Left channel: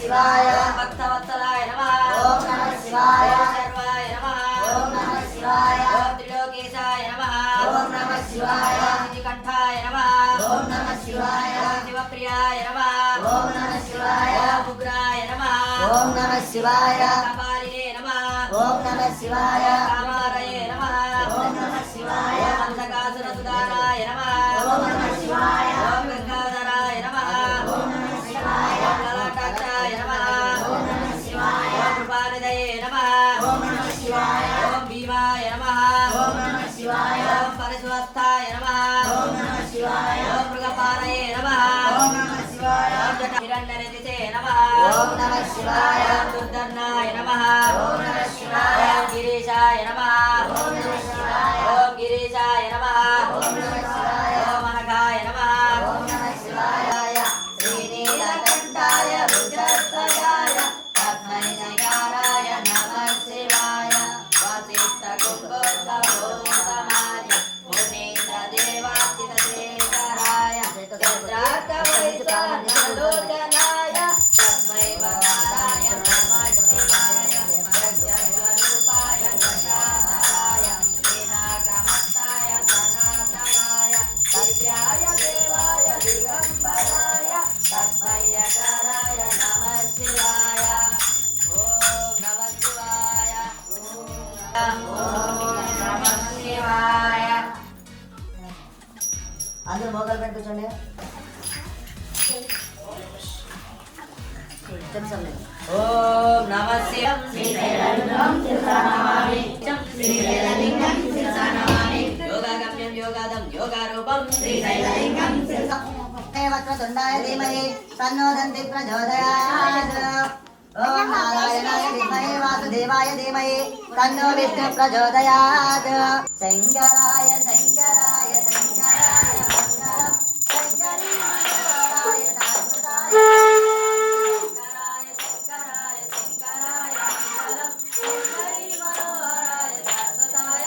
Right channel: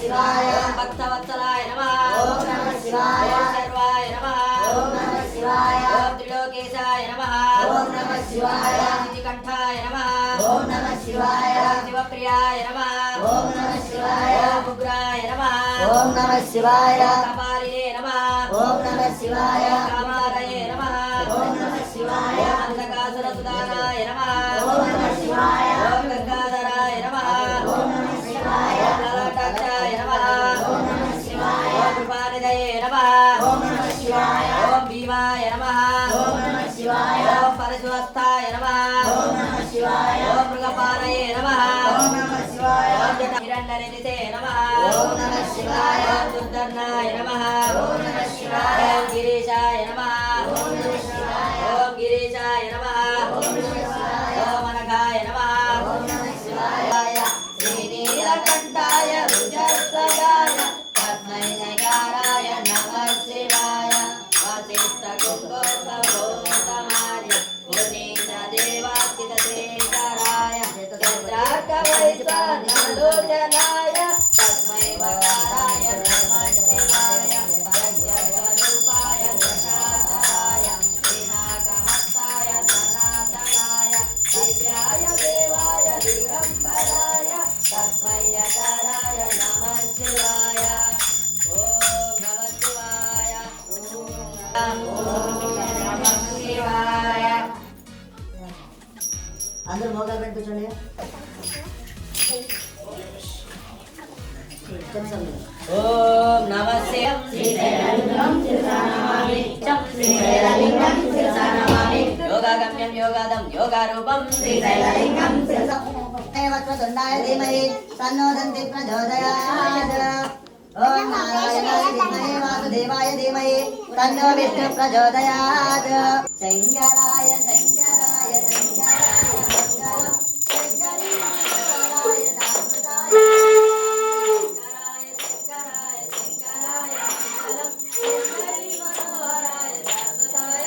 शिवाय भक्तवत्सलाय नमः ओम नमः शिवाय सर्वाय नमः ओम नमः शिवाय त्रिलोकेशाय नमः ओम नमः शिवाय कंठाय नमः ओम नमः शिवाय शिवप्रियाय नमः ओम नमः शिवाय उग्राय नमः ओम नमः शिवाय कपालिने नमः ओम नमः शिवाय कामारये नमः ओम नमः शिवाय अंधकासुरसुदानाय नमः ओम नमः शिवाय ओम गंगाधराय नमः ओम नमः शिवाय ललाटाक्षाय नमः ओम नमः शिवाय ओम कृपानिधये नमः ओम नमः शिवाय ओम भीमाय नमः ओम नमः शिवाय ओम परशुहस्ताय नमः ओम नमः शिवाय ओम मृगपालये नमः ओम नमः शिवाय ओम जटहिरण्यरजिते नमः ओम नमः शिवाय ओम दुर्धर्नाय नमः ओम नमः शिवाय ओम गिरीशाय नमः ओम नमः शिवाय ओम गिरीशाय नमः ओम नमः शिवाय ओम अनघाय नमः ओम नमः शिवाय श्रीनीलकण्ठाय भुजध्वजाय तस्मै नैकाराय नमः शिवाय वसिष्ठकुम्भोद्भवोत्तमार्य मुनीन्द्रदेवार्चितशेखराय चन्द्रार्कवैश्वरलोचनाय तस्मै वराय नमः शिवाय यज्ञस्वरूपाय गजाधराय पिनाकमस्ताय सनातनाय दिव्याय देवाय दिगम्बराय तस्मै यकाराय नमः शिवाय ॐ नमः शिवाय ॐ नमः शिवाय అందరూ మోకాలు పెట్టి కూర్చోండి ఓం నమః శివాయ యోగాగమ్యం యోగాదం యోగారూపం శ్రీశైలలింగం వక్రతుండాయ ధీమహి తన్నో దంతి ప్రచోదయాత్ ఓం నారాయణాయ విద్మహే వాసుదేవాయ ధీమహి తన్నో విష్ణు ప్రచోదయాత్ శంకరాయ శంకరాయ శంకరాయ మంగళం శంకరీ మంగళాయ శాశ్వతాయ శంకరాయ శంకరాయ శంకరాయ మంగళం శంకరీ మనోహరాయ శాశ్వతాయ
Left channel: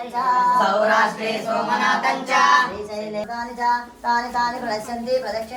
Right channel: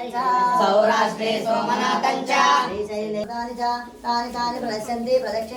सौराष्ट्रे सोमनाथं च श्रीशैले तानि प्रणश्यन्ति प्रदक्ष